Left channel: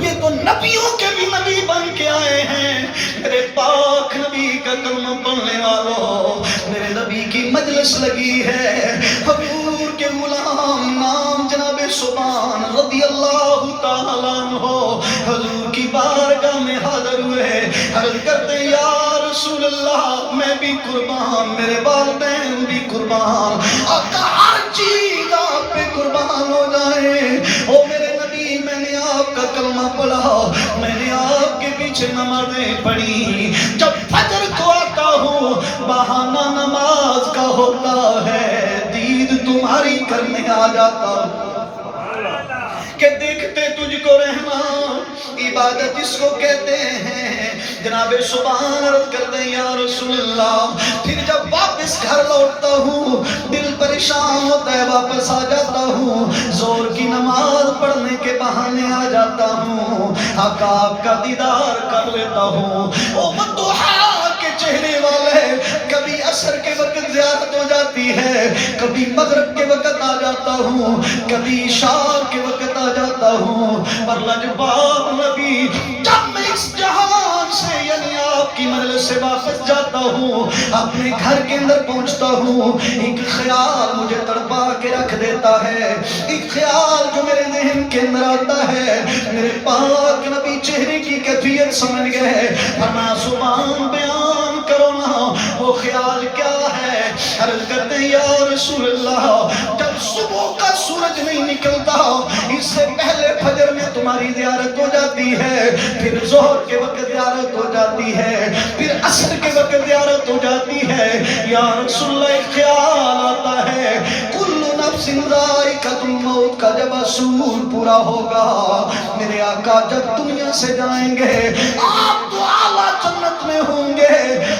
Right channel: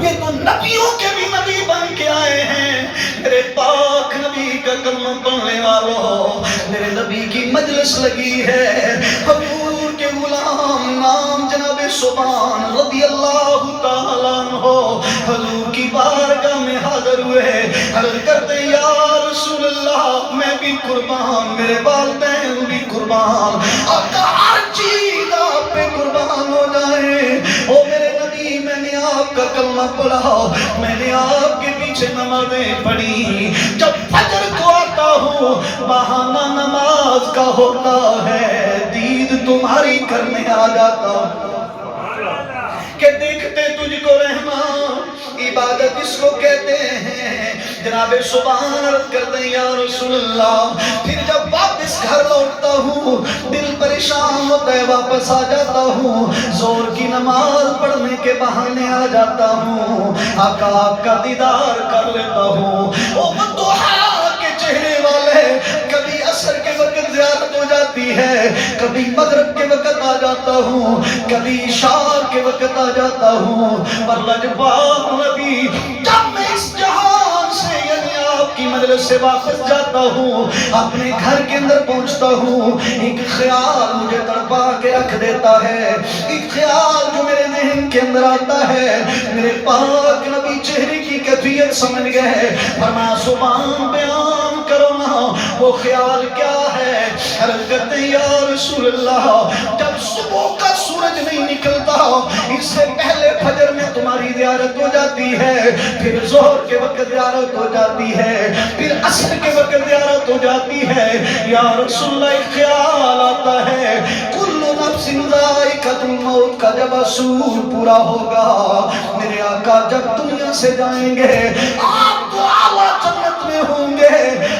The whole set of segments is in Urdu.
یہ تو نبیوں کے بھی نبی بن کے آئے ہیں. میرے پاک نبی کا کلمہ پڑھنے والوں، میرے نبی کی مجلس لگی ہے. حضور کے غلام نام جناب سبحان رضی اللہ تعالیٰ عنہ حضور کی بارگاہ میں حاضر ہوئے. عرض کرتے یا رسول اللہ میں بھی قربان، میرے والدین بھی قربان، آقا ہر چیز آپ پہ قربان ہو جائے. او میرے نبی، میں نے آپ کا کلمہ پڑھا، میں نے آپ کے پیچھے نمازیں پڑھی. جب فجر کو آتا ہوں بہانہ نماز کا ہوتا ہے، دید تمہاری کرنے آ جاتا ہوں کہ دیکھتے تجھ کو رہنا. عبادت اس کو کہتے ہیں. جناب سبحان عرض کرتے ہیں یا رسول اللہ، پھر جب واپس گھر لوٹتا ہوں دل پریشان ہوتا ہے، واپس آ جاتا ہوں، زور کی نماز پڑھنے کے بہانے آ جاتا ہوں، آقا آپ کا دیدار کر لیتا ہوں. او مدعا کے چہرے والے، کبھی عصر کے وقت زیارت ہو جاتی ہے، کبھی مغرب کے وقت آ جاتا ہوں، کبھی عشاء کے وقت آ جاتا ہوں. اور لجپال نبی، جب میں اس جہان سے یعنی آپ کی مجلس سے واپس جاتا ہوں، اپنے گھر کے اندر پہنچتا ہوں، ایک خیال مجھے تڑپا کے رکھ دیتا ہے. ایک خیال جو میرے ذہن کے اندر آتا ہے، میرے پاک نبی چہرے کی کیفیت سمجھ گئے. فرمایا سبحان بیان کرو نا، وہ خیال کیا ہے؟ عرض کرتے ہیں یا رسول اللہ، جب صبح کا سورج نہیں نکلتا اس سے پہلے فجر میں تمہاری زیارت ہو جاتی ہے، پھر ظہر کے وقت زیارت ہو جاتی ہے، پھر عصر کے وقت زیارت ہو جاتی ہے. یا رسول اللہ ایک خیال آتا ہے، کل نفس ذائقۃ الموت کا جب اصول پورا ہوگا، میرے آقا جب دنیا سے جائیں گے آپ تو اعلیٰ جنت میں ہوں گے.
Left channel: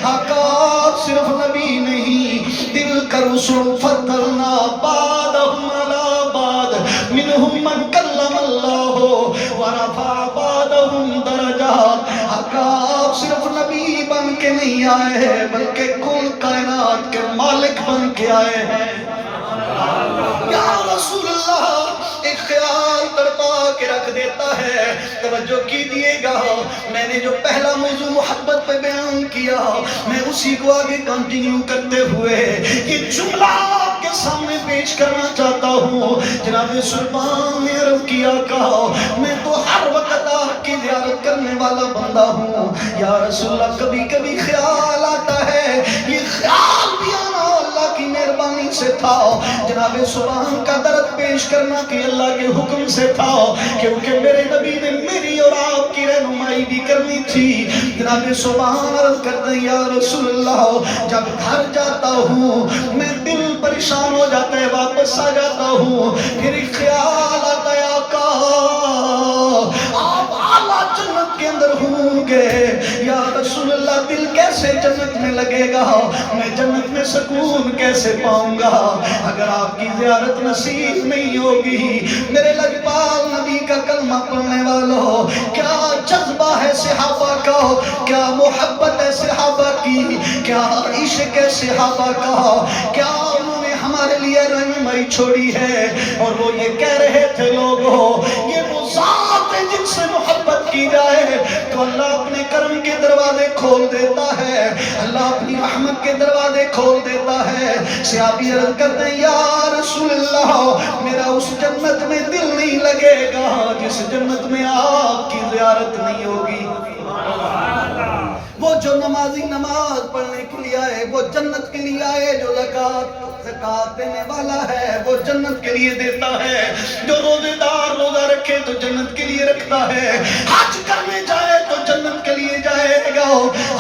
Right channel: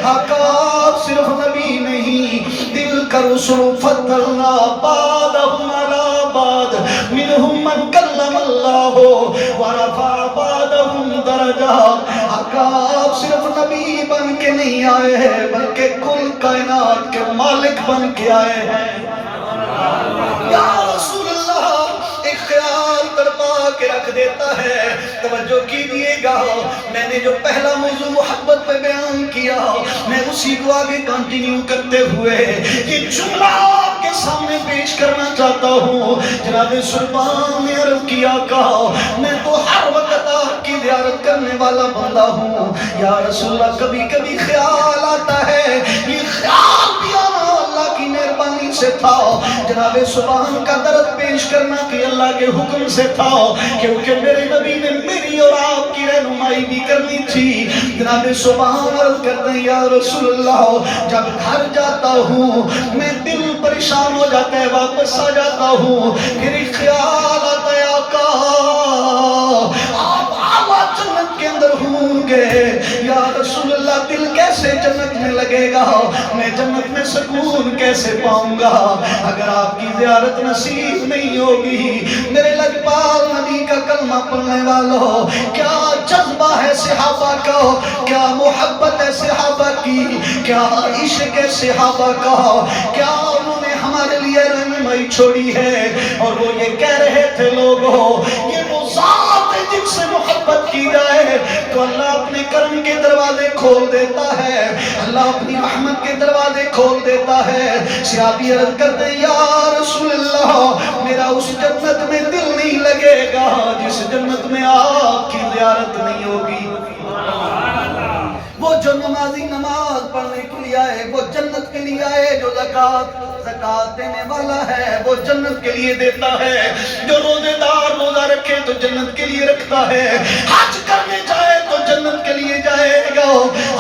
آقا آپ صرف نبی نہیں، دل کا رسول فضلنا بعضهم علی بعض، منهم من کلم اللہ ورفع بعضهم درجات. آقا آپ صرف نبی بن کے نہیں آئے ہیں بلکہ کل کائنات کے مالک بن کے آئے ہیں. یا رسول اللہ، ایک خیال تڑپا کے رکھ دیتا ہے. توجہ کیجئے گا، میں نے جو پہلا موضوع محبت پہ بیان کیا، میں اسی کو آگے کنٹینیو کرتے ہوئے یہ جملہ آپ کے سامنے پیش کرنا چاہتا ہوں. جناب سلطان نے عرض کیا، کہا میں تو ہر وقت آپ کی زیارت کرنے والا بندہ ہوں. یا رسول اللہ، کبھی کبھی خیال آتا ہے، یہ خیال بھی آنا اللہ کی مہربانی سے تھا. جناب سبحان کا درد پیش کرنا کہ اللہ کے حکم سے تھا، کیونکہ میرے نبی نے میری اور آپ کی رہنمائی بھی کرنی تھی. جناب سبحان عرض کرتے ہیں یا رسول اللہ، جب گھر جاتا ہوں میں دل پریشان ہو جاتا ہے، واپس آ جاتا ہوں، پھر ایک خیال آتا ہے آقا آپ اعلیٰ جنت کے اندر ہوں گے. یا رسول اللہ، دل کیسے جنت میں لگے گا، میں جنت میں سکون کیسے پاؤں گا اگر آپ کی زیارت نصیب نہیں ہوگی. میرے لجپال نبی کا کلمہ پڑھنے والوں، کیا جذبہ ہے صحابہ کا، کیا محبت ہے صحابہ کی، کیا عشق ہے صحابہ کا، کیا انہوں نے ہمارے لیے رہنمائی چھوڑی ہے. اور وہ یہ کہہ رہے تھے لوگوں، یہ وہ ذات ہے جن سے محبت کی جائے تو اللہ اپنے کرم کے دروازے کھول دیتا ہے، اللہ اپنی رحمت کے دروازے کھول دیتا ہے. صحابی عرض کرتے ہیں یا رسول اللہ، میرا اس جنت میں دل نہیں لگے گا جس جنت میں آپ کی زیارت نہیں ہوگی. وہ جو نمازی نماز پڑھنے کے لیے آئے وہ جنت کے لیے آئے، جو زکوٰۃ دینے والا ہے وہ جنت کے لیے دیتا ہے، جو روزے دار روزہ رکھے تو جنت کے لیے رکھتا ہے، حج کرنے جائے تو جنت کے لیے جائے گا.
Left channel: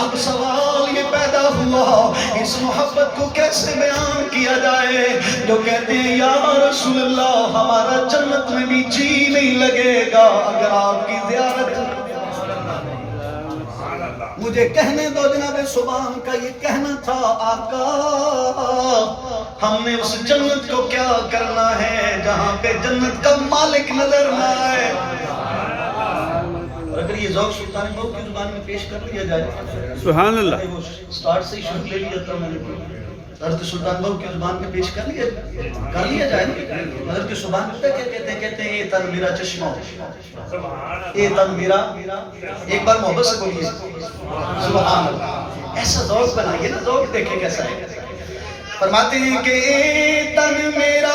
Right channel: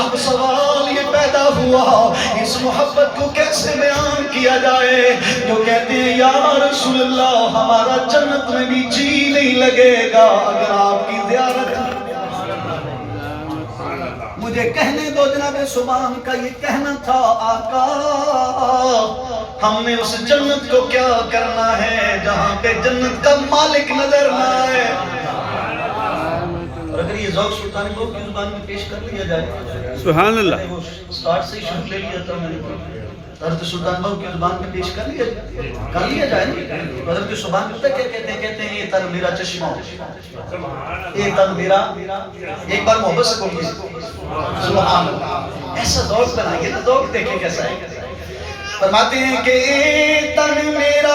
اب سوال یہ پیدا ہوا، اس محبت کو کیسے بیان کیا جائے جو کہتے ہیں یا رسول اللہ ہمارا جنت میں بھی جی نہیں لگے گا اگر آپ کی زیارت. مجھے کہنے دو جناب سبحان کا یہ کہنا تھا، آقا ہم نے اس جنت کو کیا کرنا ہے جہاں پہ جنت کا مالک نظر نہ آئے. اور اگر یہ ذوق سلطانی بہو کی زبان میں پیش کر دیا جائے، سبحان اللہ، سٹارٹ سے ہی شروع لے لیا تھا میں نے. حضرت سلطان بہو کی زبان میں پیش کر لیا جائے نا. حضرت سبحان پتہ کیا کہتے ہیں یہ تن میرا چشمہ یہ تن میرا. ایک بار محبت سے بولیے سبحان اللہ. ایسا ذوق بنائیے نا, ذوق دیکھیں کیسا ہے. فرماتے ہیں کہ یہ تن میرا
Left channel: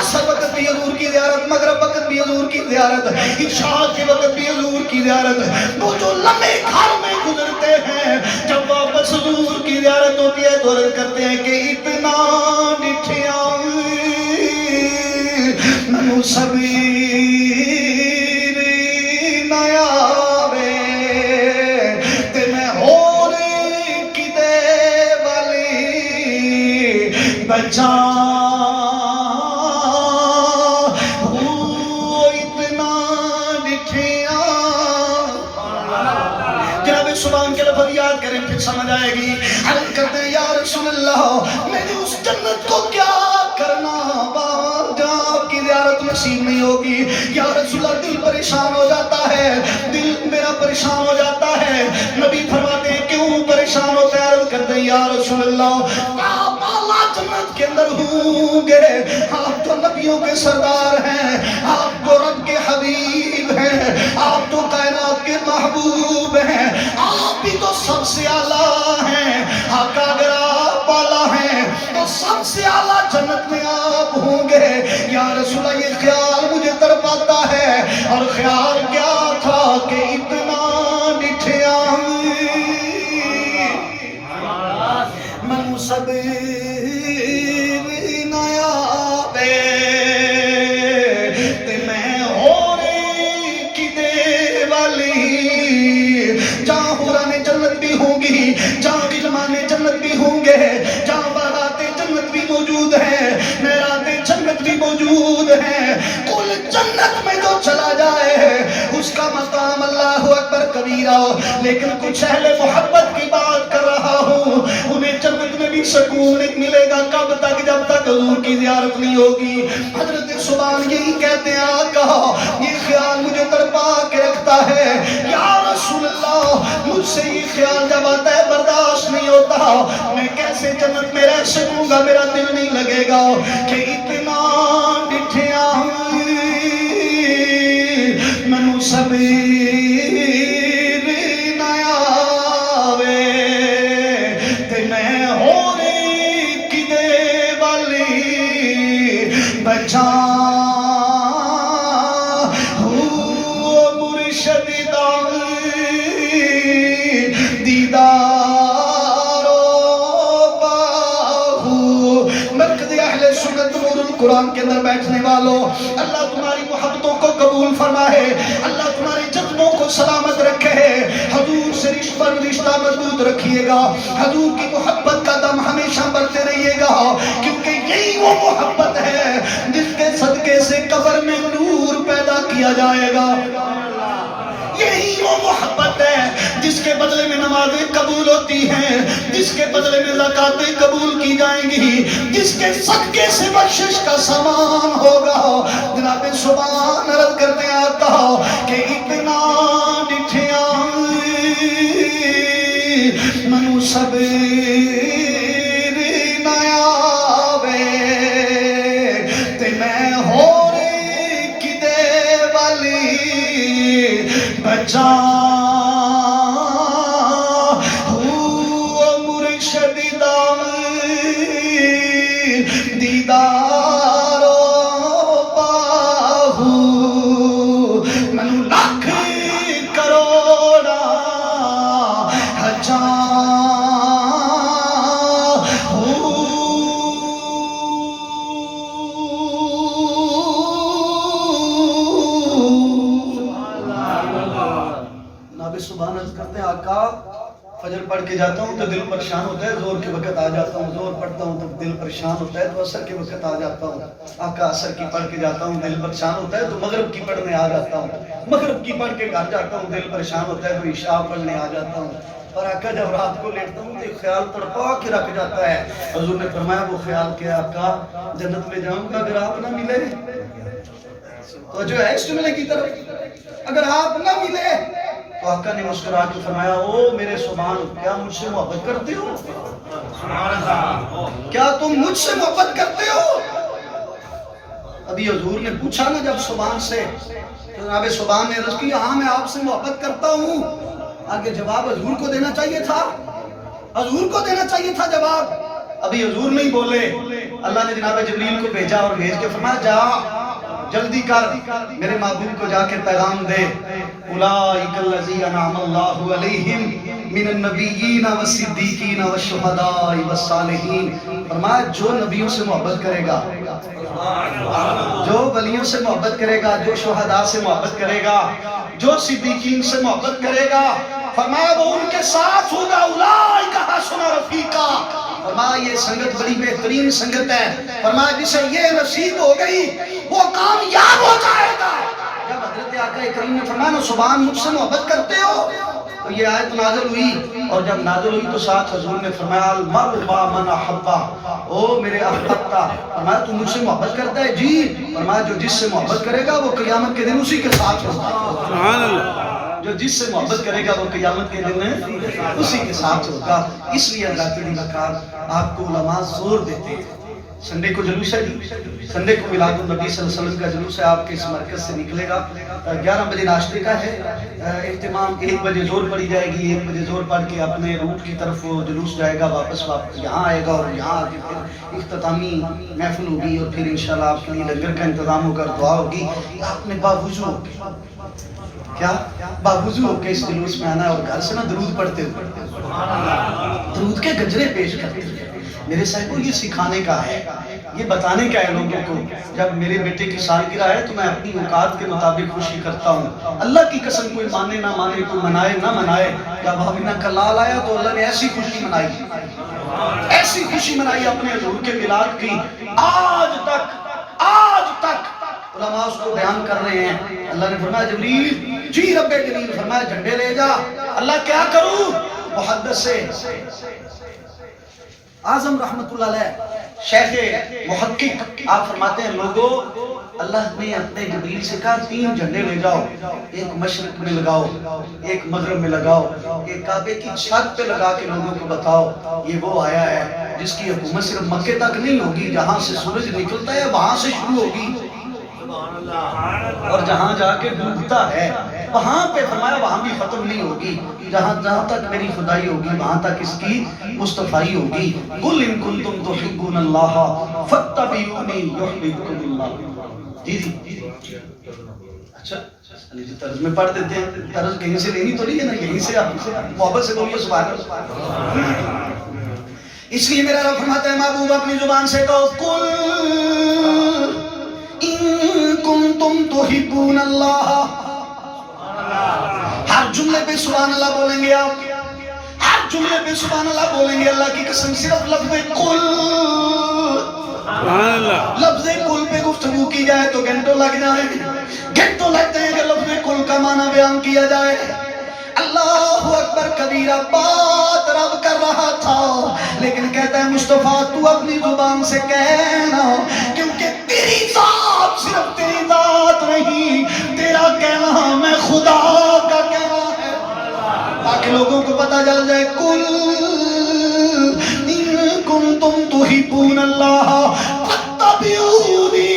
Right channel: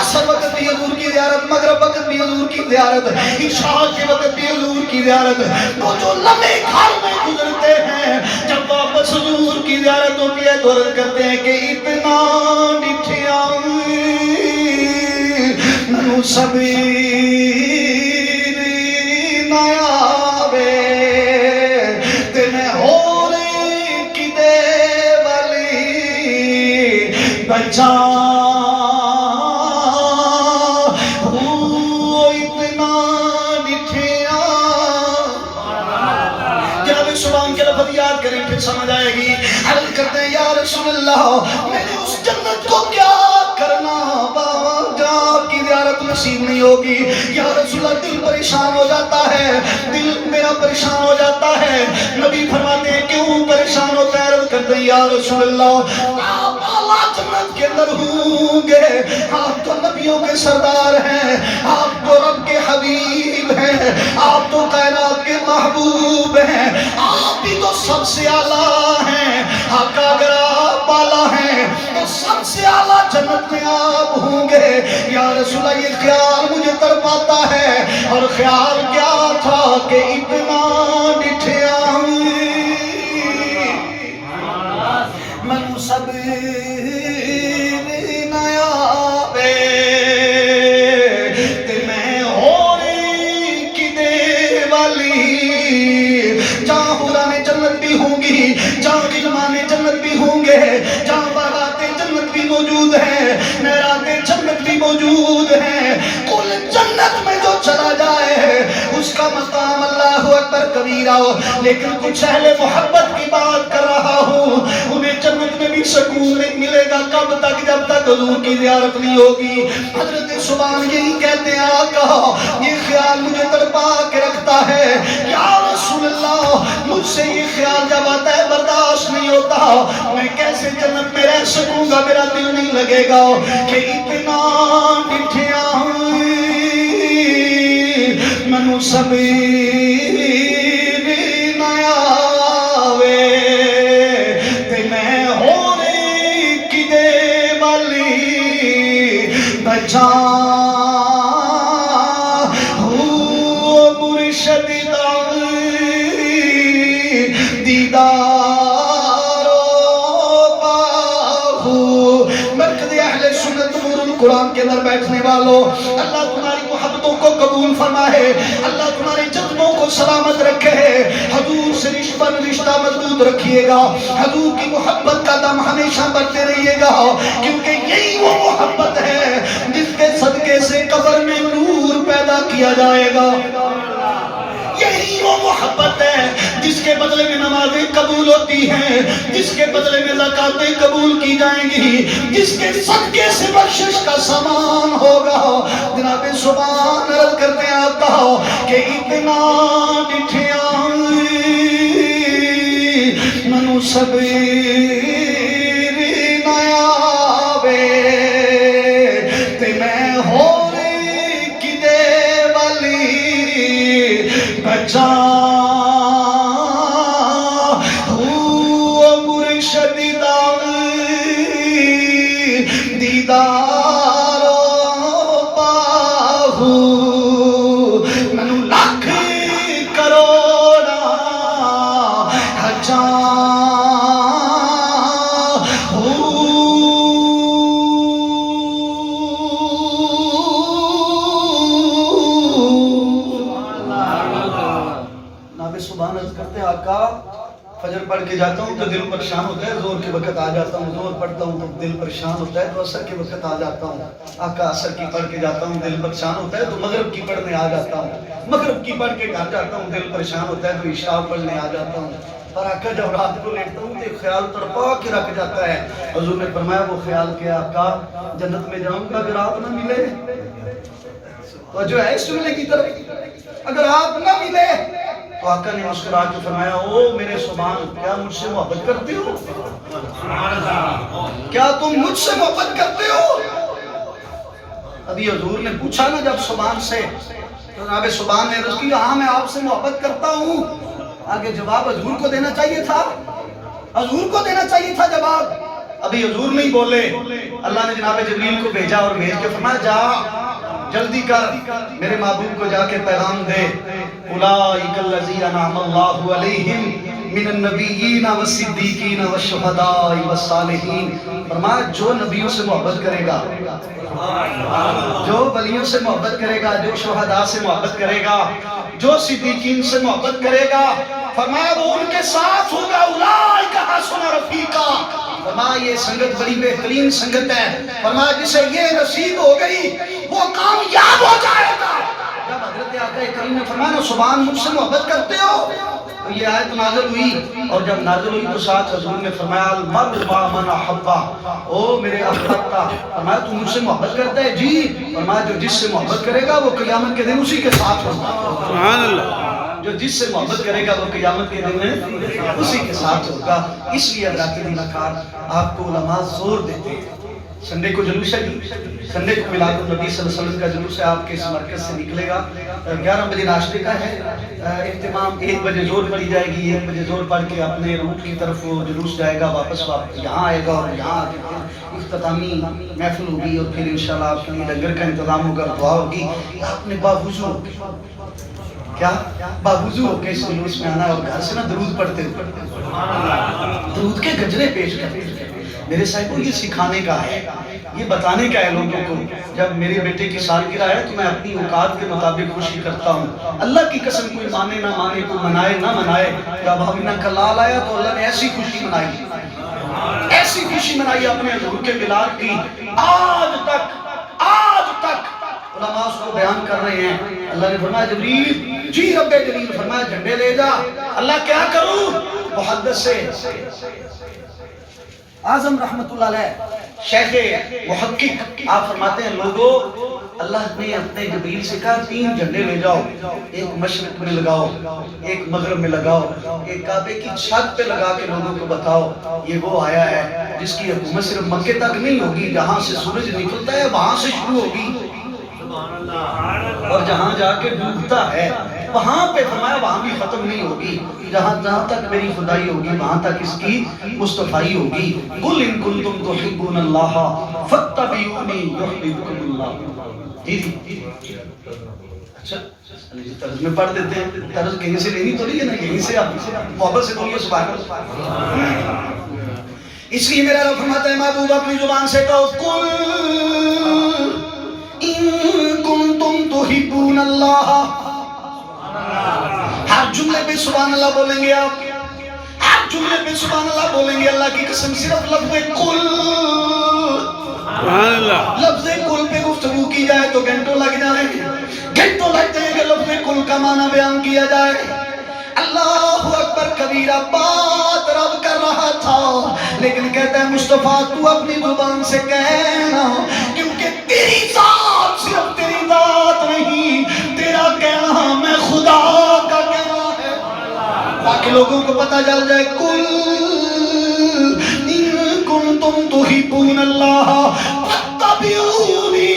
اثر وقت بھی حضور کی زیارت, مغرب وقت بھی حضور کی زیارت, عشاء کے وقت بھی حضور کی زیارت. وہ جو لمحے گھر میں گزرتے ہیں جب واپس حضور کی زیارت ہوتی ہے تو عرض کرتے ہیں کہ اتنا ڈٹھیا منو سبیر نیا وے تے میں ہور کدے والی بچا سمجھ آئے گی. عرض کرتے ہیں یا رسول اللہ میں نے اس جنت کو کیا کرنا, وہاں جا آپ کی زیارت نصیب نہیں ہوگی. یا رسول اللہ دل پریشان ہو جاتا ہے, دل میرا پریشان ہو جاتا ہے. نبی فرماتے ہیں کیوں پریشان ہوتا ہے؟ عرض کرتے ہیں یا رسول اللہ آپ اعلیٰ جنت کے اندر ہوں گے, آپ تو نبیوں کے سردار ہیں, آپ تو رب کے حبیب ہیں, آپ تو کائنات کے محبوب ہیں, آپ بھی تو سب سے اعلیٰ ہیں. آقا اگر آپ اعلیٰ ہیں تو سب سے اعلیٰ جنت میں آپ ہوں گے. یا رسول اللہ یہ خیال مجھے تڑپاتا ہے, اور خیال کیا تھا کہ اتنا ڈٹھیا منو سبیر نیا وے تے میں ہوری کدے والی. جہاں حوران جنت بھی ہوں گی, جہاں غلمان جنت بھی ہوں گے, جہاں باغات جنت بھی موجود ہیں, نہرات جنت بھی موجود ہیں. کل جنت میں جو چلا جائے اس کا مقام اللہ اکبر کبیرہ ہو. لیکن کچھ اہل محبت کی بات کر رہا ہوں, انہیں جنت میں بھی سکون نہیں ملے گا. کب تک؟ جب تک حضور کی زیارت نہیں ہوگی. حضرت سبحان یہی کہتے ہیں آقا یہ خیال مجھے تڑپا کے رکھتا ہے. یا رسول اللہ مجھ سے یہ خیال جب آتا ہے برداشت نہیں ہوتا, میں کیسے جنت میں رہ سکوں گا, میرا دل نہیں لگے گا کہ اتنا ڈٹھیا منو سبیر نیا وے تے میں ہوری کدے والی بچا قرآن کے اندر بیٹھنے والوں, اللہ تمہاری محبتوں کو قبول فرمائے, اللہ تمہارے جذبوں کو سلامت رکھے، حضور سے رشتہ مضبوط رکھیے گا، حضور کی محبت کا دم ہمیشہ بڑھتے رہیے گا، کیونکہ یہی وہ محبت ہے جس کے صدقے سے قبر میں نور پیدا کیا جائے گا، یہی وہ محبت ہے جس کے بدلے میں نمازیں قبول ہوتی ہیں، جس کے بدلے میں زکاتیں قبول کی جائیں گی، جس کے صدقے سے بخشش کا سامان ہوگا۔ جناب سبحان عرض کرتے آقا کہ اتنا ڈٹھیا منو صبر نیا وے تے میں ہو رے کدے والی بچا دیدار پاہو منو لاکھ کروڑا ہزار نابے سبحان عرض کرتے ہیں آقا فجر پڑھ کے جاتا ہوں تو دل پریشان ہوتا ہے، زور کے وقت آ جاتا ہوں، زور پڑھتا ہوں تو دل پریشان ہوتا ہے، تو عصر کے وقت آ جاتا ہوں، آقا عصر کی پڑھ کے جاتا ہوں دل پریشان ہوتا ہے، تو مغرب کی پڑھنے آ جاتا ہوں، مغرب کی پڑھ کے گھر جاتا ہوں دل پریشان ہوتا ہے، تو عشاء پڑھنے آ جاتا ہوں۔ پر آقا جب رات کو لیٹتا ہوں تو ایک خیال تڑپا کے رکھ جاتا ہے، حضور نے فرمایا وہ خیال کہ آقا جنت میں جاؤں گا اگر آپ نہ ملے، تو جو ہے اس جملے کی طرف اگر آپ نہ ملے، تو آقا نے مسکرا کے فرمایا او میرے سبحان کیا مجھ سے محبت کرتے ہو؟ کیا تم مجھ سے محبت کرتے ہو؟ ابھی حضور نے پوچھا نا جب سبحان سے، تو جناب سبحان نے عرض کی ہاں میں آپ سے محبت کرتا ہوں، آگے جواب حضور کو دینا چاہیے تھا، حضور کو دینا چاہیے تھا جواب، ابھی حضور نہیں بولے، اللہ نے جناب جبریل کو بھیجا اور بھیج کے فرمایا جا جلدی کر میرے محبوب کو جا کے پیغام دے، اولئک الذین انعم اللہ علیہم من النبیین والصدیقین والشہداء والصالحین، فرمایا جو نبیوں سے محبت کرے گا، جو ولیوں سے محبت کرے گا، جو شہداء سے محبت کرے گا، جو صدیقین سے محبت کرے گا، فرمایا وہ ان کے ساتھ ہوگا، اولئک حسن رفیقا، فرمایا یہ سنگت بڑی بہترین سنگت ہے، فرمایا جسے یہ نصیب ہو گئی وہ کامیاب ہو جائے گا۔ جب حضرت آقا کریم نے فرمایا نا سبحان مجھ سے محبت کرتے ہو، تو یہ آیت نازل ہوئی، اور جب نازل ہوئی تو ساتھ حضور نے فرمایا المرء مع من احبہ، او میرے احبتا، فرمایا تو مجھ سے محبت کرتا ہے؟ جی، فرمایا جو جس سے محبت کرے گا وہ قیامت کے دن اسی کے ساتھ ہوگا، سبحان اللہ، جو جس سے محبت کرے گا وہ قیامت کے دن میں اسی کے ساتھ ہوگا۔ اس لیے اللہ کے دلکار آپ کو علماء زور دیتے ہیں، سنڈے کو جلوس ہے جی، سنڈے کو میلاد النبی صلی اللہ علیہ وسلم کا جلوس ہے، آپ کے اس مرکز سے نکلے گا، 11 بجے ناشتے کا ہے اہتمام، 1 بجے زور پڑی جائے گی، 1 بجے زور پڑھ کے اپنے روٹ کی طرف وہ جلوس جائے گا، واپس یہاں آئے گا، اور یہاں آ کے پھر اختتامی محفل ہوگی، اور پھر انشاءاللہ آپ کے لیے لنگر کا انتظام ہوگا، دعا ہوگی، آپ نے باوضو ہو کے کیا باوضو ہو کے اس جلوس میں آنا ہے، اور گھر سے نا درود پڑھتے ہوئے درود کے گجرے پیش کرتے ہیں۔ میرے صاحبوں یہ سکھانے کا ہے، یہ بتانے کا ہے لوگوں کو، جب میرے بیٹے کی سالگرہ ہے تو میں اپنی اوقات کے مطابق خوشی کرتا ہوں، اللہ کی قسم کوئی مانے نہ مانے، کوئی منائے نہ منائے، جب حبیبہ کا لال آیا تو اللہ نے ایسی خوشی منائی، ایسی خوشی منائی اپنے حضور کے میلاد کی، آج تک علماء اس کو بیان کر رہے ہیں۔ اللہ نے فرمایا جبریل، جی رب جلیل، فرمایا جھنڈے لے جا، اللہ کیا کروں؟ محدث سے اعظم رحمت اللہ علیہ شیخ محقق آپ فرماتے ہیں لوگوں اللہ نے اپنے جبریل سے کہا 3 جھنڈے لے جاؤ، ایک مشرق میں لگاؤ، ایک مغرب میں لگاؤ، ایک کعبے کی چھت پہ لگا کے لوگوں کو بتاؤ یہ وہ آیا ہے جس کی حکومت صرف مکے تک نہیں ہوگی، جہاں سے سورج نکلتا ہے وہاں سے شروع ہوگی، اور جہاں جا کے ڈوبتا ہے وہاں پہ فرمایا وہاں بھی ختم نہیں ہوگی، جہاں تک میری خدائی ہوگی وہاں تک اس کی مصطفائی ہوگی۔ قُلْ إِن كُنتُمْ تُحِبُّونَ اللَّهَ فَاتَّبِعُونِي يُحْبِبْكُمُ اللَّهُ۔ جی اچھا طرز میں پڑھ دیتے ہیں، طرز کہیں سے لینی تو نہیں ہے نا، یہیں سے آپ محبت سے بولیے سبحان اللہ۔ اس لیے میرا رب فرماتا ہے محبوب اپنی زبان سے کہو قُلْ إِن كُنتُمْ تُحِبُّونَ اللَّهَ سبحان اللہ بولیں گے آپ؟ ہر جملے پہ سبحان اللہ بولیں گے؟ اللہ کی قسم صرف لفظ کل، سبحان اللہ، لفظ کل پہ گفتگو کی جائے تو گھنٹوں لگ جائیں گے، گھنٹوں لگتے ہیں کہ لفظ کل کا معنی بیان کیا جائے۔ اللہ اکبر کبیرہ، بات رب کر رہا تھا لیکن کہتا ہے مصطفیٰ تو اپنی زبان سے کہنا، کیونکہ تیری ذات صرف تیری ذات نہیں، تیرا کہنا میں خدا کا کہنا ہے، تاکہ لوگوں کو پتہ چل جائے کل ان کنتم تحبون اللہ فاتبعونی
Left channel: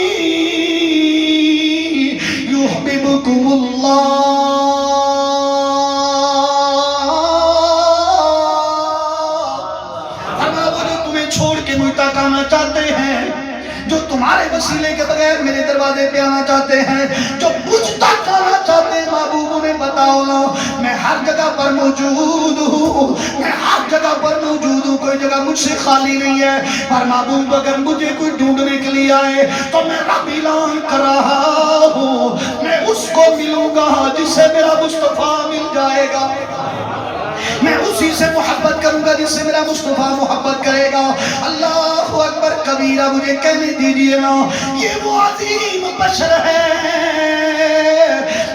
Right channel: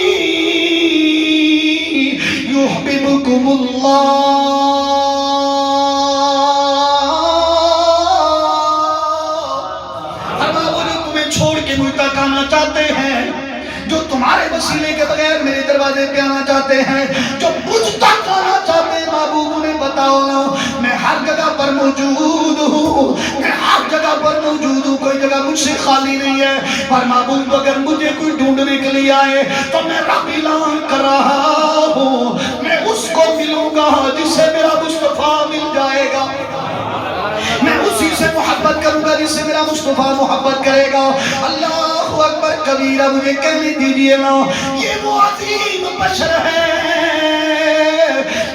یحببکم اللہ۔ آنا چاہتے ہیں، جو تمہارے وسیلے کے بغیر میرے دروازے پہ آنا چاہتے ہیں، جو مجھ تک آنا چاہتے ہیں، محبوب انہیں بتاؤ نا میں ہر جگہ پر موجود ہوں، میں ہر جگہ پر موجود ہوں، کوئی جگہ مجھ سے خالی نہیں ہے، پر محبوب اگر مجھے کوئی ڈھونڈنے کے لیے آئے تو میں رب اعلان کر رہا ہوں میں اس کو ملوں گا جس سے میرا مصطفیٰ مل جائے گا، میں اسی سے محبت کروں گا جس سے میرا مصطفیٰ محبت کرے گا۔ اللہ اکبر کبیرہ، مجھے کہنے دیجئے نا یہ وہ عظیم بشر ہے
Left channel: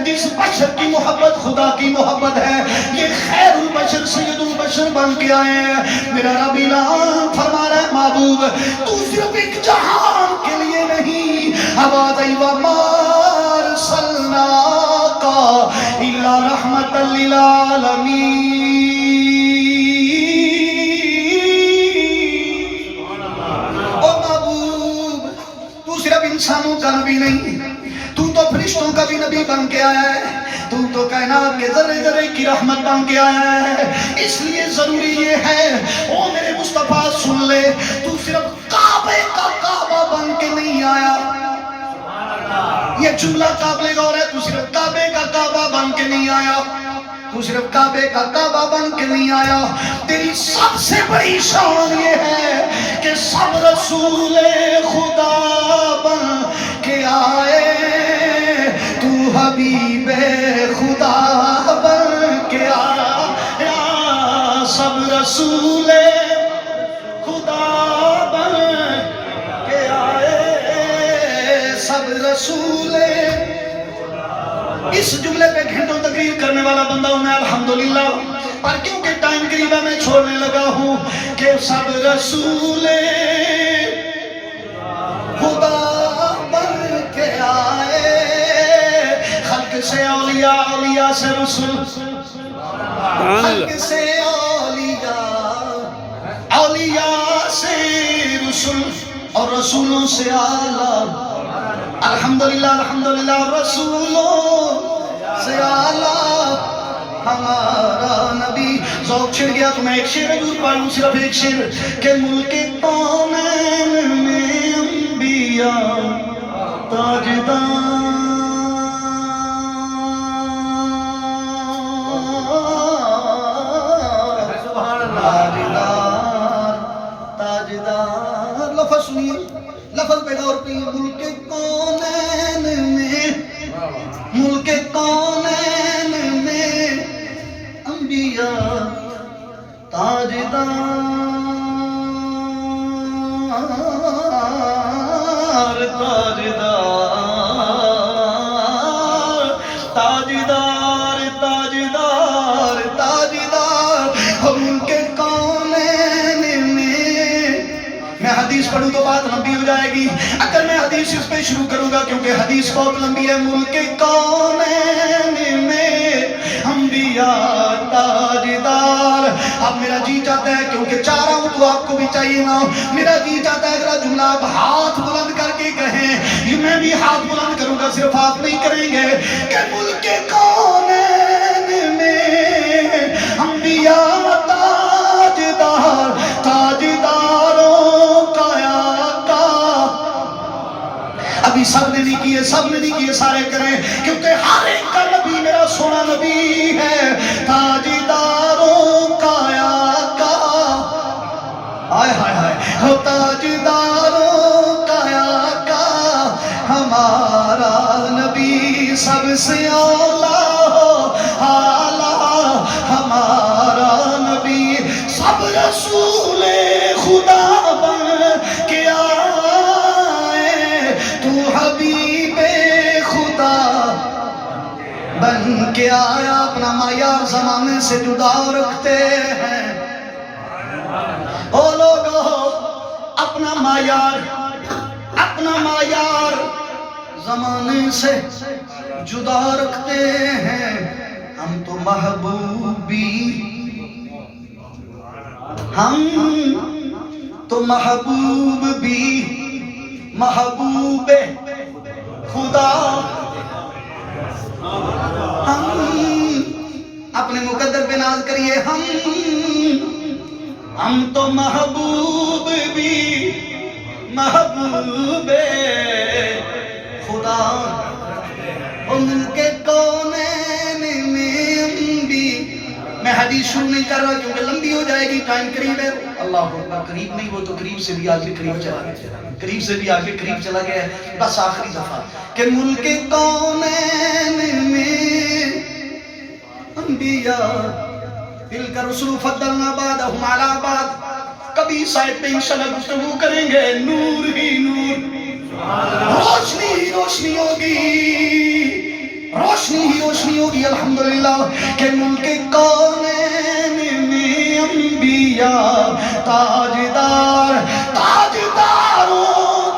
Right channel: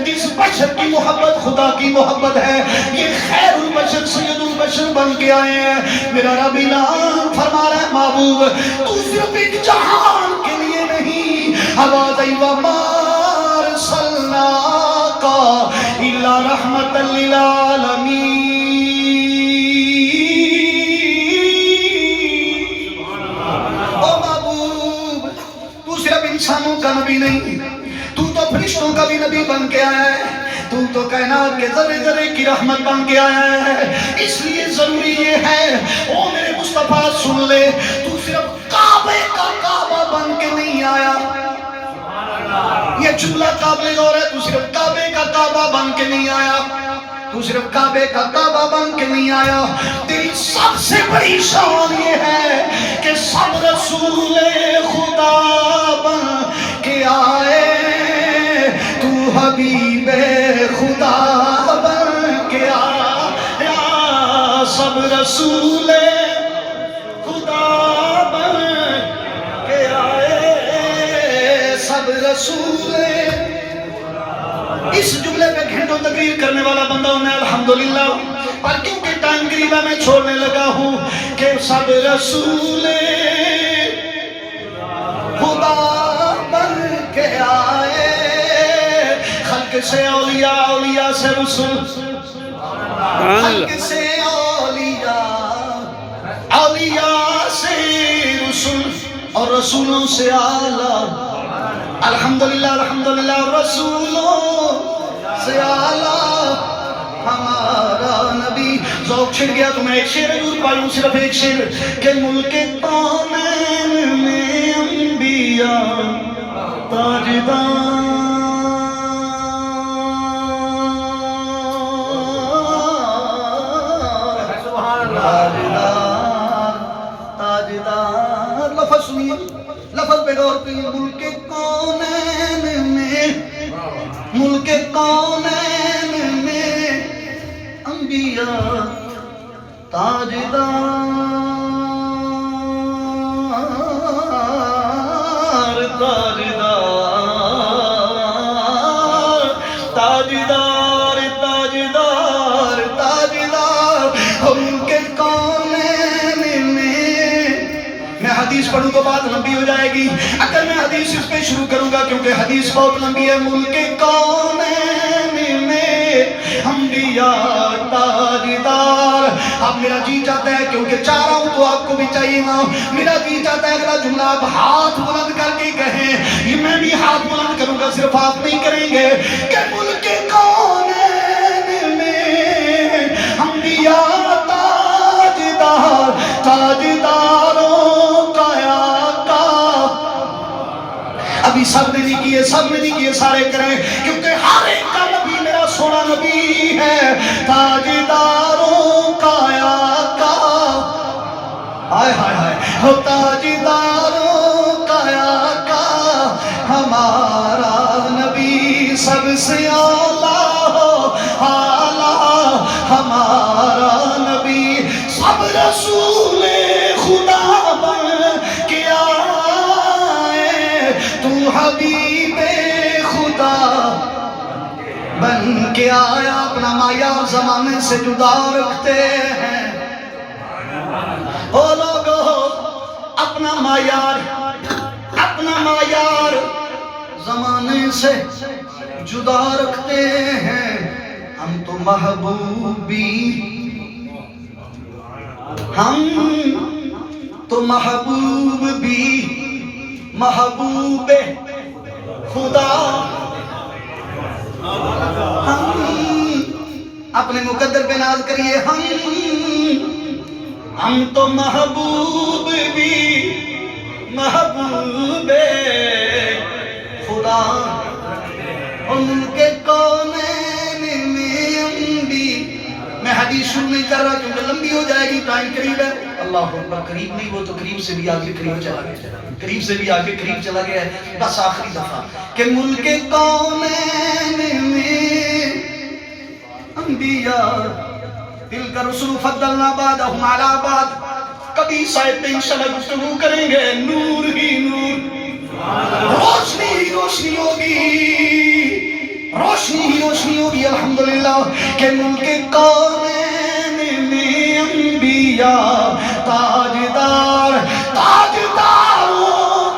جس بشر کی محبت خدا کی محبت ہے، یہ خیر البشر سید البشر بن کے آئے ہیں۔ میرا رب اعلان فرما رہا ہے محبوب تو صرف ایک جہان کے لیے نہیں، عبادی وما ارسلناک الا رحمت للعالمین، انسانوں کا نبی نہیں، تو فرشتوں کا بھی نبی بن کے آیا ہے، تو کائنات کے ذرے ذرے کی رحمت بن کے آیا ہے۔ اس لیے ضروری یہ ہے او میرے مصطفیٰ سن لے، تو صرف کعبے کا کعبہ بن کے نہیں آیا، یہ جملہ قابل غور ہے، تو صرف کعبے کا کعبہ بن کے نہیں آیا، تو صرف کعبے کا کعبہ بن کے نہیں آیا، تیری سب سے بڑی شان یہ ہے کہ سب رسول خدا بن کے آئے، تو حبیب خدا بن کے آیا، سب رسول خدا بن کے آئے، سب رسول۔ اس جملے پہ گھنٹوں تقریر کرنے والا بندہ ہوں میں الحمدللہ، پر کیونکہ ٹائم قریب ہے میں چھوڑنے لگا ہوں کہ سب رسول خدا بن کے آئے، خلق سے اولیاء، اولیاء سے رسول، خلق سے اولیاء، اولیاء سے رسول، اور رسولوں سے اعلیٰ، الحمدللہ الحمدللہ، رسولوں سے اعلیٰ ہمارا نبی۔ ذوق چھڑ گیا تو میں ایک شعر ضرور پڑھوں، صرف ایک شعر کہ ملک کونین میں انبیاء تاجدار، تاجدار، لفظ سنیے، لفظ پہ غور پہ، ملک کونین میں، ملک کونین میں انبیاء تاجدار، تاجدار، تاجدار، تاجدار، تاجدار، ملک کونین میں۔ میں حدیث پڑھوں تو بات لمبی ہو جائے گی، اگر میں حدیث اس پہ شروع کروں گا کیونکہ حدیث بہت لمبی ہے۔ ملک کونین میں انبیاء تاجدار، اب میرا جی چاہتا ہے کیونکہ چاہ رہا ہوں تو آپ کو بھی چاہیے نا، میرا جی چاہتا ہے اگلا جملہ آپ ہاتھ بلند کر کے کہیں، یہ میں بھی ہاتھ بلند کروں گا، صرف آپ نہیں کریں گے کہ ملک کونین میں انبیاء تاجدار، تاجداروں کا آقا۔ ابھی سب نے نہیں کیے، سب نے نہیں کیے، سارے کریں کیونکہ ہر ایک کا نبی میرا سونا نبی ہے، تاجداروں کا آقا، ہائے ہائے ہائے، ہو تاجداروں کا آقا ہمارا نبی، سب سے اعلیٰ اعلیٰ حبیب خدا بن کے آیا. اپنا معیار زمانے سے جدا رکھتے ہیں او لوگو، اپنا معیار زمانے سے جدا رکھتے ہیں. ہم تو محبوب بھی محبوب خدا. ہم اپنے مقدر پہ ناز کریے. ہم تو محبوب بھی محبوب خدا. ان کے کونین میں بھی. میں حدیث شروع نہیں کر رہا کیونکہ لمبی ہو جائے گی، ٹائم قریب ہے. اللہ اکبر، قریب نہیں، وہ تو قریب سے بھی آگے قریب چلا گیا، قریب سے بھی آگے قریب چلا گیا ہے. بس آخری دفعہ کہ ملک کونین میں انبیاء تلک الرسل فضلنا بعضهم علی بعض. کبھی سائد پہ انشاءاللہ گفتگو کریں گے. نور ہی نور، روشنی ہی روشنی ہوگی، روشنی ہی روشنی ہوگی. الحمدللہ کہ ملک کونین میں انبیاء تاجداروں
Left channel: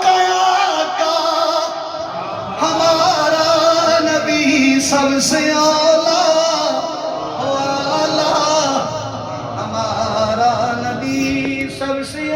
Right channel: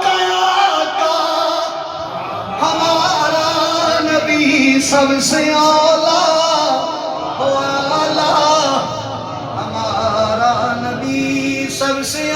کا آقا ہمارا نبی سب سے اعلیٰ، ہمارا نبی سب سے